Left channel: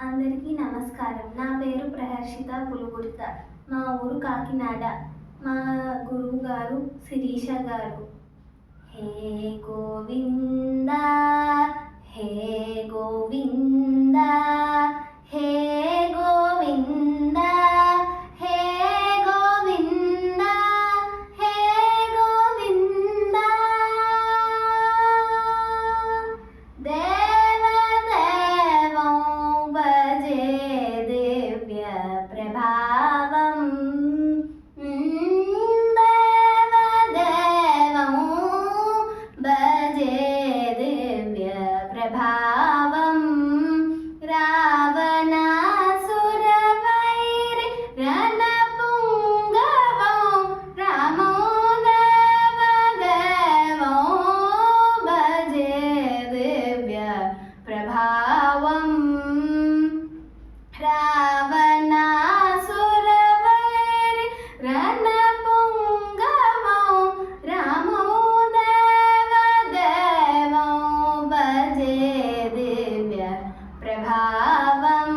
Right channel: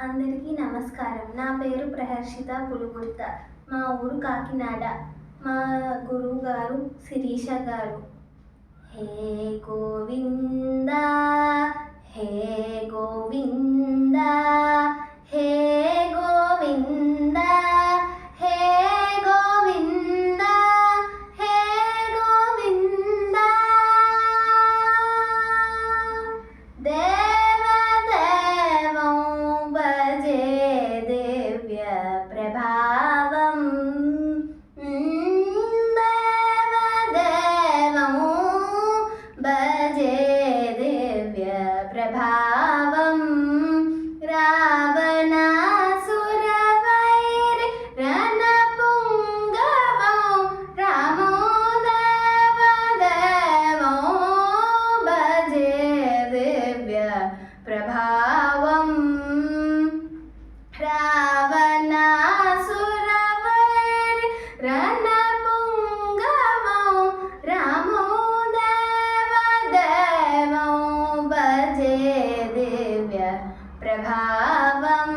అందరికీ నమస్కారం. నా పేరు ప్రహర్షిత పులుగుర్త. మా ఊరు కాకినాడ. మా గురువు గారు శిరీష గారు. హే గోవింద హే గోవింద హే గోవింద హే గోవింద హే గోవింద దేవదేవం భజే దివ్య ప్రభావం దేవదేవం భజే దివ్య ప్రభావం రావణాసురవైరి రణపుంగవం రామో దేవదేవం భజే దివ్య ప్రభావం రావణాసురవైరి రణపుంగవం రామో దేవదేవం భజే దివ్య ప్రభావం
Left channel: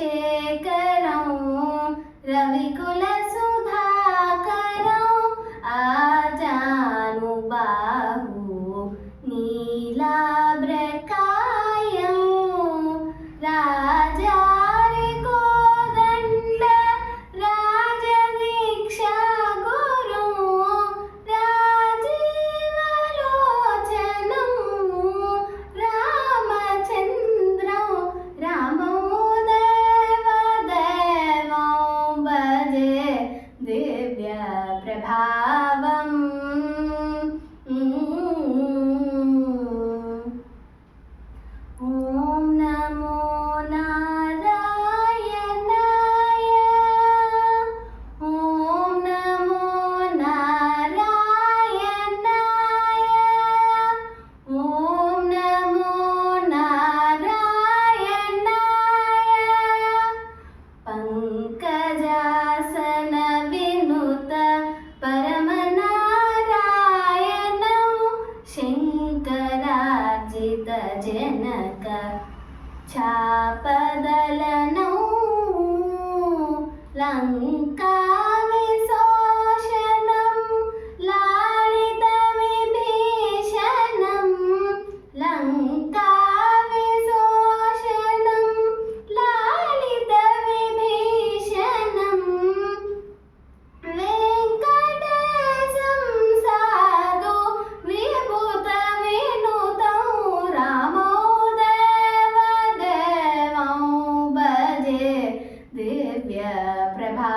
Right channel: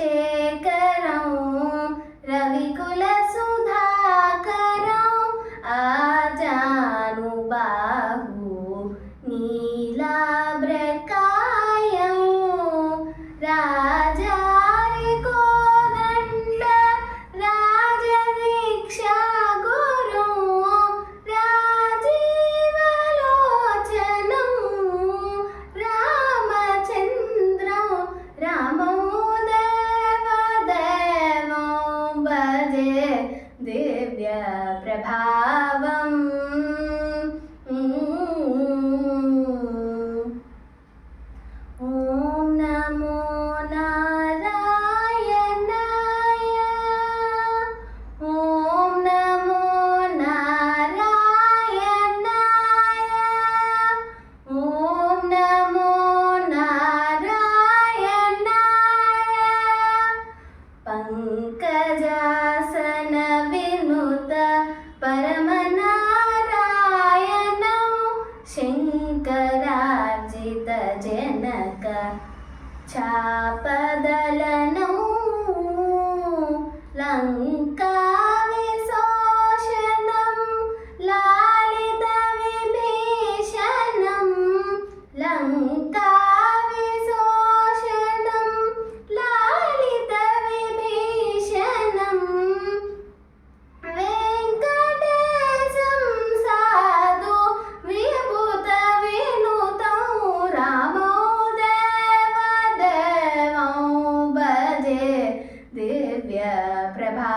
రాజవరశేఖరం రవికుల సుధాకరం ఆజానుబాహు నీలాభ్రకాయం రాజారి కోదండ రాజదీక్షా గురు రాజీవలోచనం రామచంద్రం రామో దేవదేవం భజే దివ్య ప్రభావం ఓం నమో నారాయణాయ ఓం నమో నారాయణాయ ఓం నమో నారాయణాయ పంకజాసన వినుత పరమనారాయణం శంకరార్జిత జనక చాపదలనం లంకా విశోషణం లాలిత విభీషణం లంకా విశోషణం లాలిత విభీషణం వెంకటేశం సాధు విభూత వినుతం రామో దేవదేవం భజే దివ్య ప్రభా